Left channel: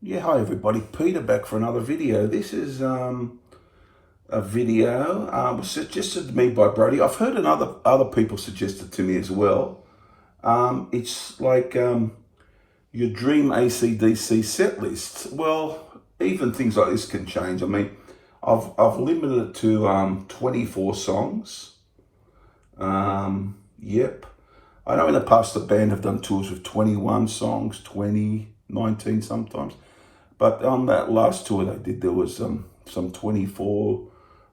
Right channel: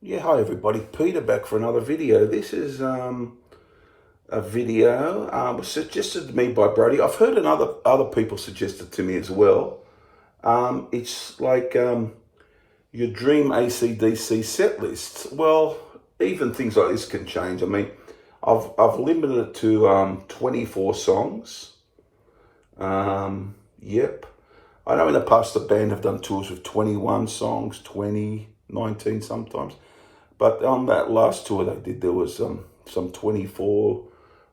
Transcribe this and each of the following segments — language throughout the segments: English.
Yeah, hi everybody. Peter back for another video. This is a video was suggested to me by Brody. I've heard other people suggest it to me as well. It's like your dream AC/DC set list. Well, even things like this can change. I mean, I've limited it to 24 songs. Yep. I know in the past the band have done tours with 21 songs, 20, 19 sometimes. But on that last tour they did, there was some 24,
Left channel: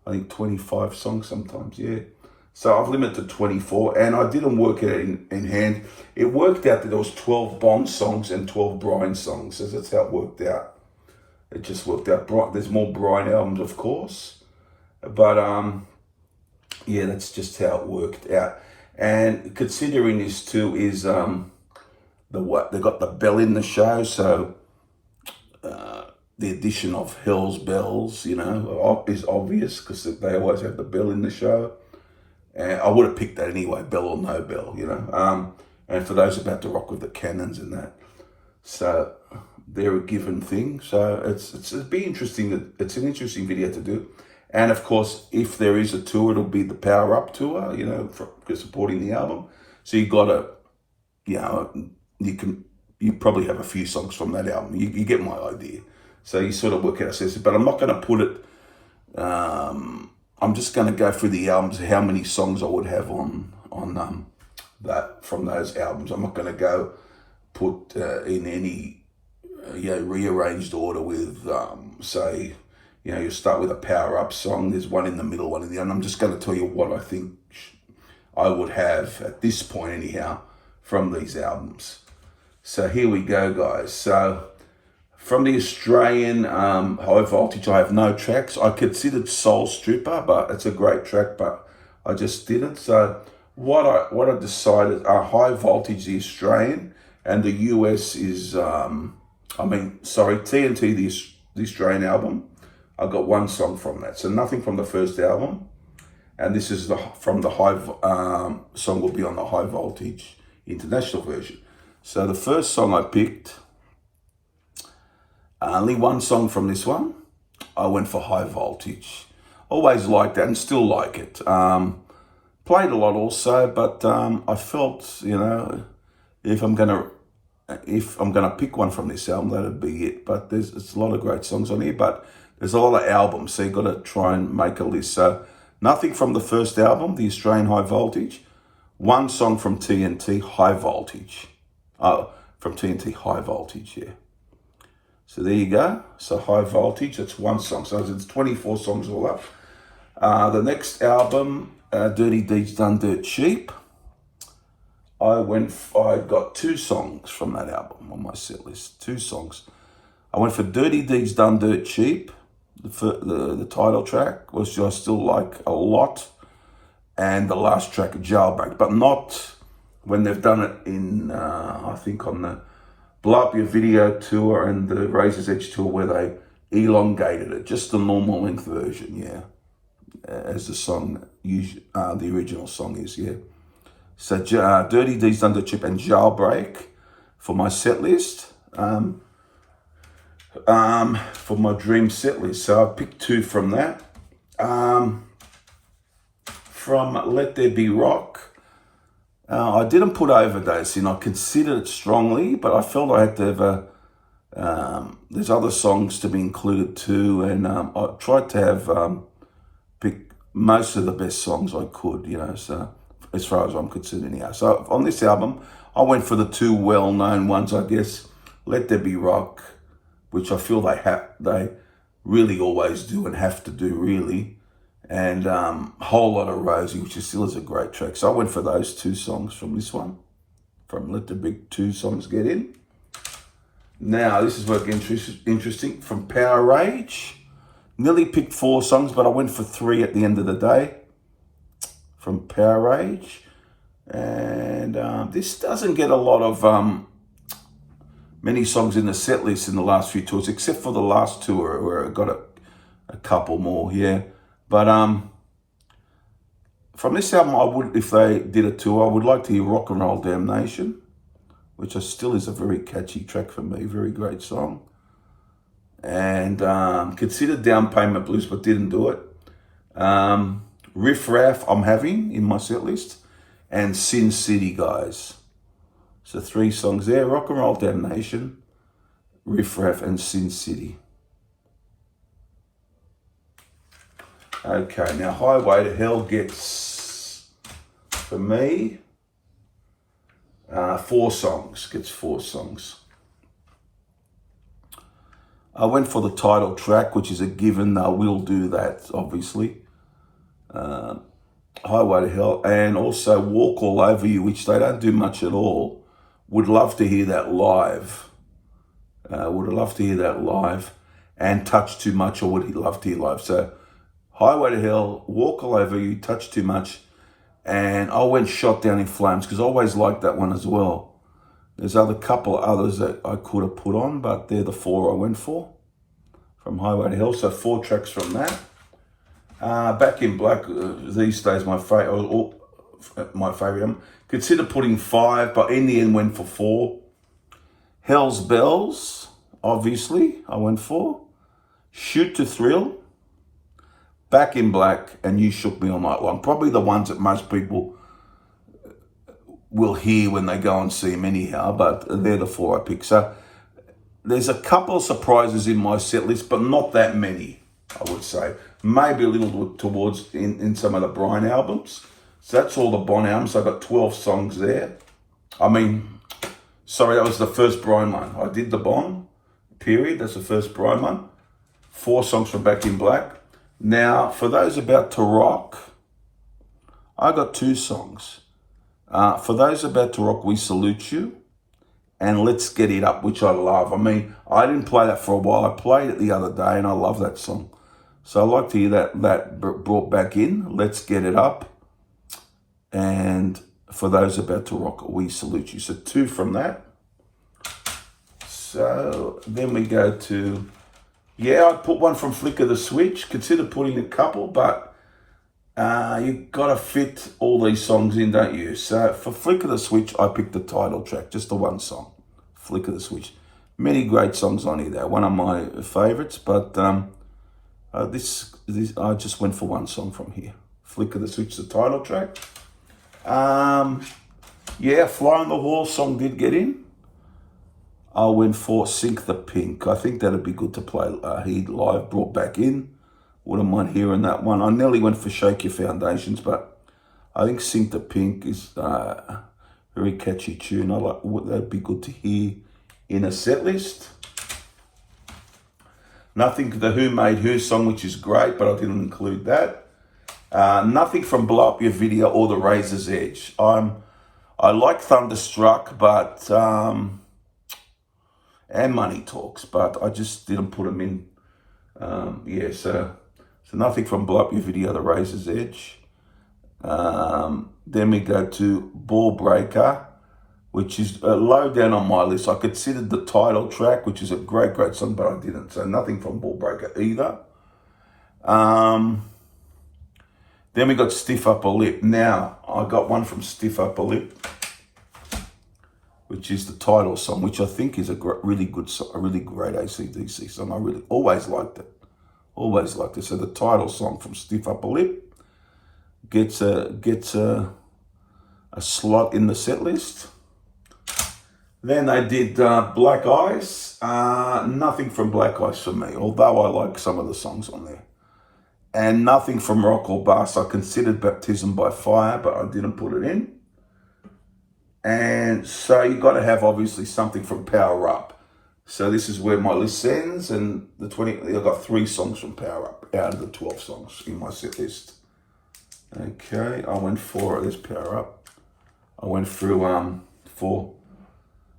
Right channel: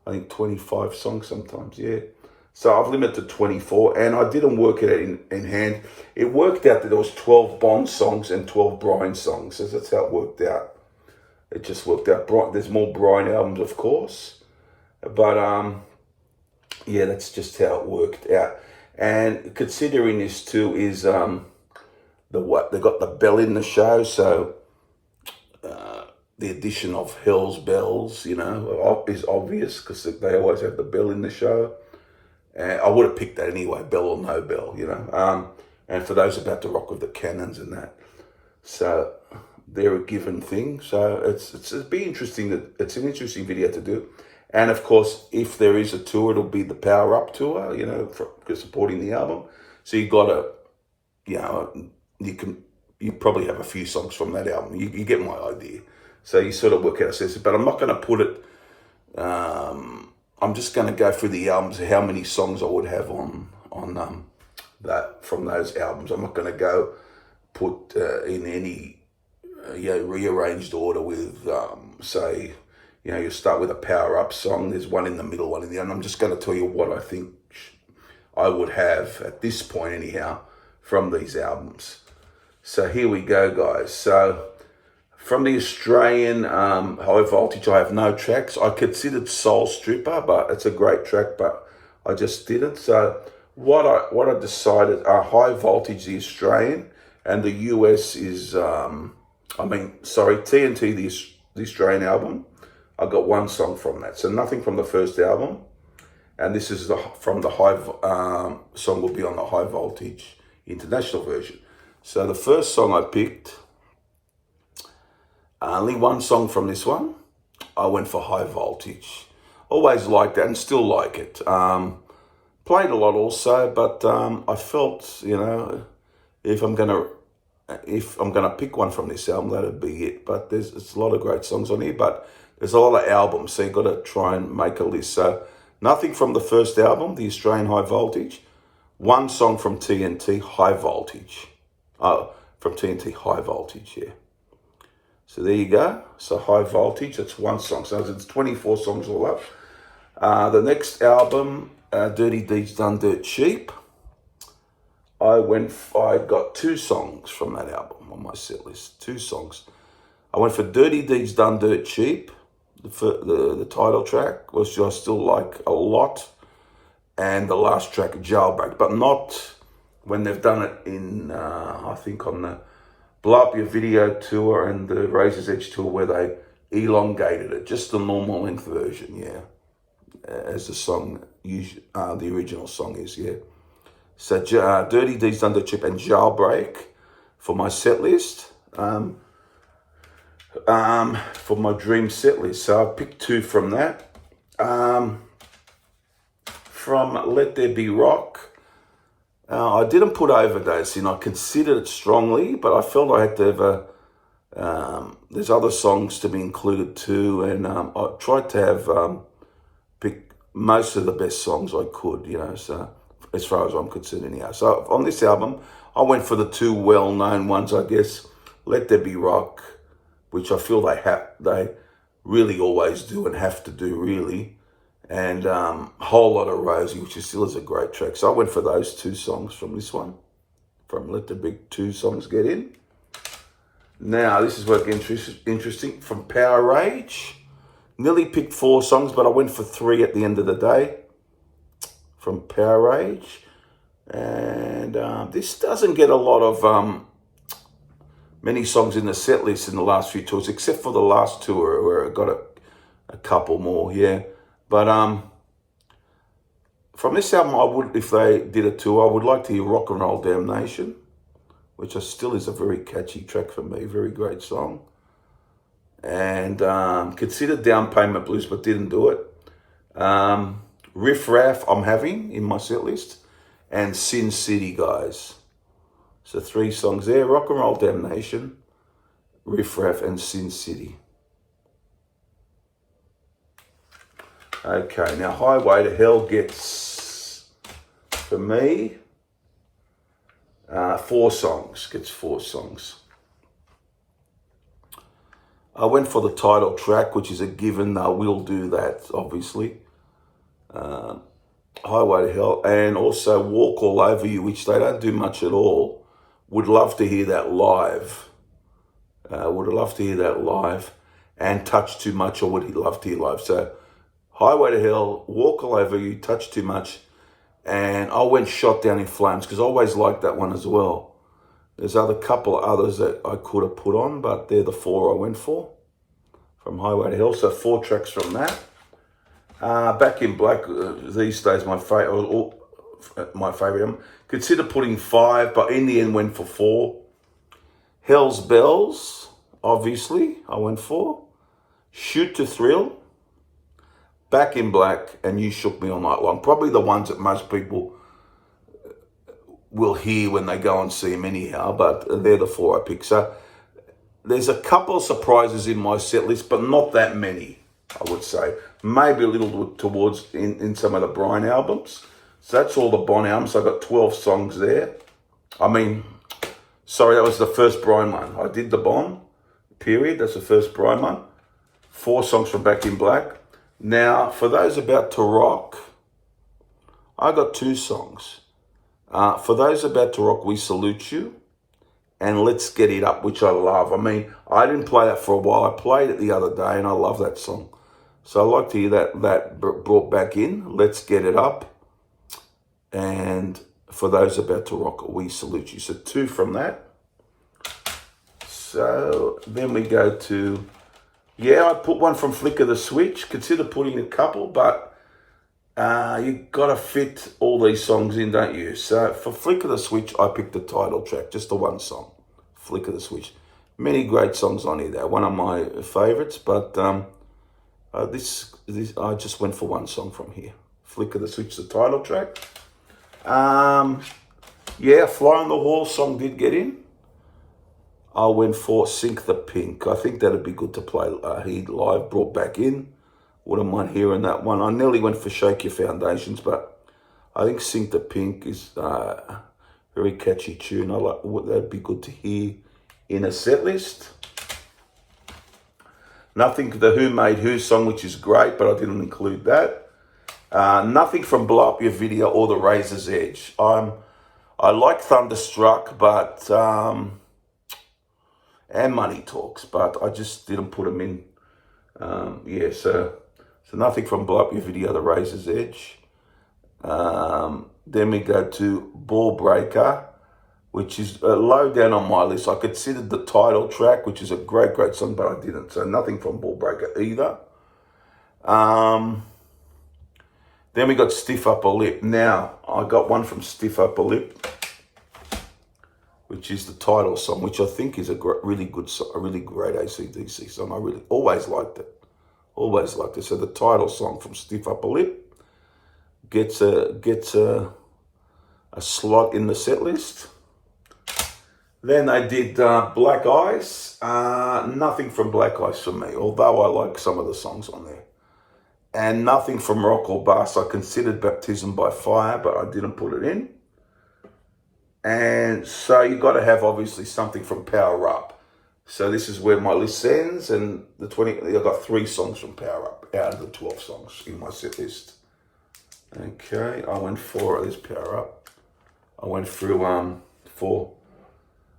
I think 25 songs sometimes, yeah. So I've limited to 24, and I didn't work it in hand. It worked out that there was 12 Bond songs and 12 Brian songs, so that's how it worked out. It just worked out. There's more Brian albums, of course, but yeah, that's just how it worked out. And considering this too is they got the bell in the show, so the addition of Hell's Bells, is obvious because they always have the bell in the show. And I would have picked that anyway, bell or no bell, And for those about to rock with the cannons and that, so they're a given thing. So it'd be interesting. It's an interesting video to do. And of course, if there is a tour, it'll be the Power Up tour, for supporting the album. So you gotta, you probably have a few songs from that album. You get my idea. So you sort of work out a sense, but I'm not going to put it. I'm just going to go through the albums, how many songs I would have on that from those albums. I'm not going to go put in any rearranged order with say, you start with a Power Up song. There's one in the middle, one in the end. I'm just going to tell you what I think I would have at this point, anyhow, from these albums. So here we go, guys. So from the Australian High Voltage, I have no tracks. I considered Soul Stripper, but it's a great track, but I just didn't. So what I decided, High Voltage, the Australian, and the US is, TNT, the Australian album. I got one song from that, so nothing from the first album. And this is from the song will be on the High Voltage international version. So the first song I picked, only one song from this one, I went for High Voltage. Always liked that and still like it. Played a lot also, but I felt, if I'm gonna pick one from this album, that'd be it. But it's a lot of great songs on here, but there's a lot of albums, so you've got to try and make a list. So nothing from the first album, the Australian High Voltage. One song from TNT, High Voltage. Oh, from TNT, High Voltage, yeah. So there you go. So High Voltage, that's one song. So it's 24 songs all up. The next album, Dirty Deeds Done Dirt Cheap. I got two songs from that album on my set list. Two songs. I went for Dirty Deeds Done Dirt Cheap, the title track, which I still like a lot, and the last track, Jailbreak, but not when they've done it in, I think on the Blow Up Your Video tour and the Razor's Edge tour, where they elongated it, just the normal length version, yeah, as the song, the original song is, yeah. So Dirty Deeds Done Dirt Cheap and Jailbreak for my set list. For my dream set list. So I picked two from that. From Let There Be Rock, I didn't put Overdose in. I considered it strongly, but I felt I had to have there's other songs to be included too, and I tried to have pick most of the best songs I could, so as far as I'm concerned anyhow. So on this album, I went for the two well-known ones, I guess. Let There Be Rock, which I feel they really always do and have to do, really. And Whole Lot of Rosie, which still is a great track. So I went for those two songs from this one, from Let the Big Two Songs Get In. Now, this is where it gets interesting. From Power Rage, nearly picked four songs, but I went for three at the end of the day from Power Rage. And this doesn't get a lot of many songs in the set list in the last few tours, except for the last tour where I got a couple more, yeah. But from this album, if they did a tour, I would like to hear Rock and Roll Damnation, which still is a very catchy track for me, very great song. and considered Down Payment Blues, but didn't do it. Riff Raff I'm having in my set list, and Sin City, guys. So 3 songs there: Rock and Roll Damnation, Riff Raff, and Sin City. Okay, now Highway to Hell gets, for me, 4 songs. Gets 4 songs. I went for the title track, which is a given. I will do that, obviously. Highway to Hell, and also Walk All Over You, which they don't do much at all. Would love to hear that live. And Touch Too Much, or would he love to hear live? So Highway to Hell, Walk All Over You, Touch Too Much, and I went Shot Down in Flames, because I always liked that one as well. There's a couple of others that I could have put on, but they're the 4 I went for from Highway to Hell. So 4 tracks from that. Back in Black, these days, my favorite. Consider putting 5, but in the end went for 4. Hell's Bells, obviously, I went for. Shoot to Thrill, Back in Black, and You Shook Me All Night Long. Probably the ones that most people will hear when they go and see him anyhow, but they're the 4 I picked. So there's a couple of surprises in my set list, but not that many, I would say. Maybe a little towards in some of the Brian albums. So that's all the Bon albums. I got 12 songs there. I mean, sorry, that was the first Brian one. I did the Bon, period. That's the first Brian one. 4 songs from Back in Black. Now, for those about to rock, I got 2 songs. For those about to rock, We Salute You, and Let's Get It Up, which I love. I mean, I didn't play that for a while. I played it the other day, and I love that song. So I like to hear that brought back in. Let's Get It Up. And for those about to rock, We Salute You. So 2 from that. So then we go to, I put 1 from Flicker the Switch. Consider putting a couple, but you got to fit all these songs in, don't you? So for Flicker the Switch, I picked the title track, just the 1 song, Flicker the Switch. Many great songs on here there. One of my favorites, but this I just went for 1 song from here. Flicker the Switch, the title track. Fly on the Wall song did get in. I went for Sink the Pink. I think that'd be good to play Heat live, brought back in. Wouldn't mind hearing that one. I nearly went for Shake Your Foundations, but I think Sink the Pink is a very catchy tune. That'd be good to hear in a set list. Nothing, the Who Made Who song, which is great, but I didn't include that. Nothing from Blow Up Your Video or The Razor's Edge. I like Thunderstruck, but and Money Talks, but I just didn't put them in. So nothing from Blow Up Your Video, The Razor's Edge. Then we go to Ball Breaker, which is low down on my list. I considered the title track, which is a great song, but I didn't. So nothing from Ball Breaker either. Then we got Stiff Upper Lip. Now, I got 1 from Stiff Upper Lip, which is the title song, which I think is a really good song, a really great AC/DC song. I really always liked it. So the title song from Stiff Upper Lip gets a slot in the set list. Then they did Black Ice. Nothing from Black Ice for me, although I like some of the songs on there. And nothing from Rock or Bust. I considered Baptism by Fire, but I didn't put it in. And so you got to have, obviously, something from Power Up. So this is where my list ends, and I got 3 songs from Power Up out of the 12 songs in my set list. Okay, I went for this Power Up. I went through 4,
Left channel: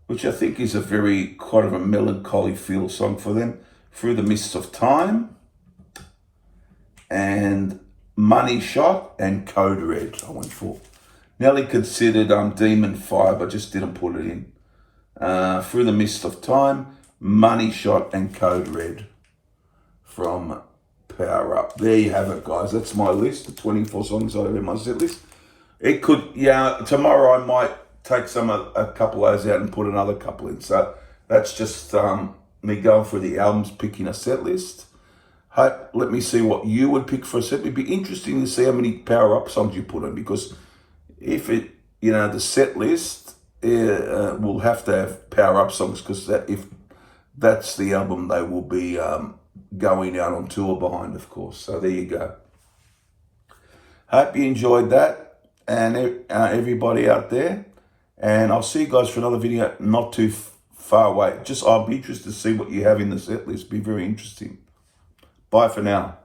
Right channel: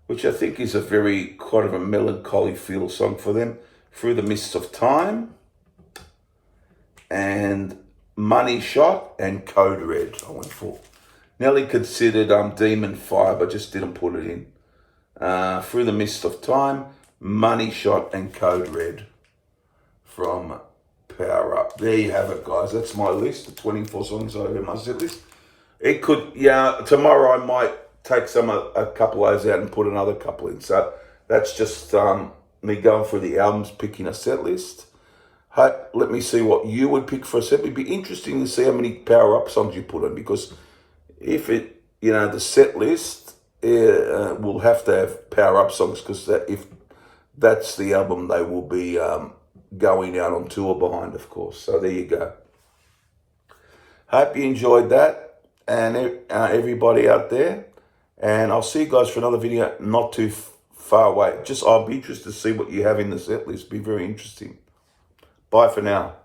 which I think is a very kind of a melancholy feel song for them. Through the Mists of Time, and Money Shot, and Code Red I went for. Nearly considered Demon Fire, but just didn't put it in. Through the Mist of Time, Money Shot, and Code Red from Power Up. There you have it, guys. That's my list, the 24 songs I have in my set list. It could, tomorrow I might take a couple of those out and put another couple in. So that's just, me going through the albums, picking a set list. Let me see what you would pick for a set. It'd be interesting to see how many power-up songs you put in, because if it, the set list will have to have power-up songs, because if that's the album they will be going out on tour behind, of course. So there you go. Hope you enjoyed that, and everybody out there. And I'll see you guys for another video not too far away. I'll be interested to see what you have in the set list. Be very interesting. Bye for now.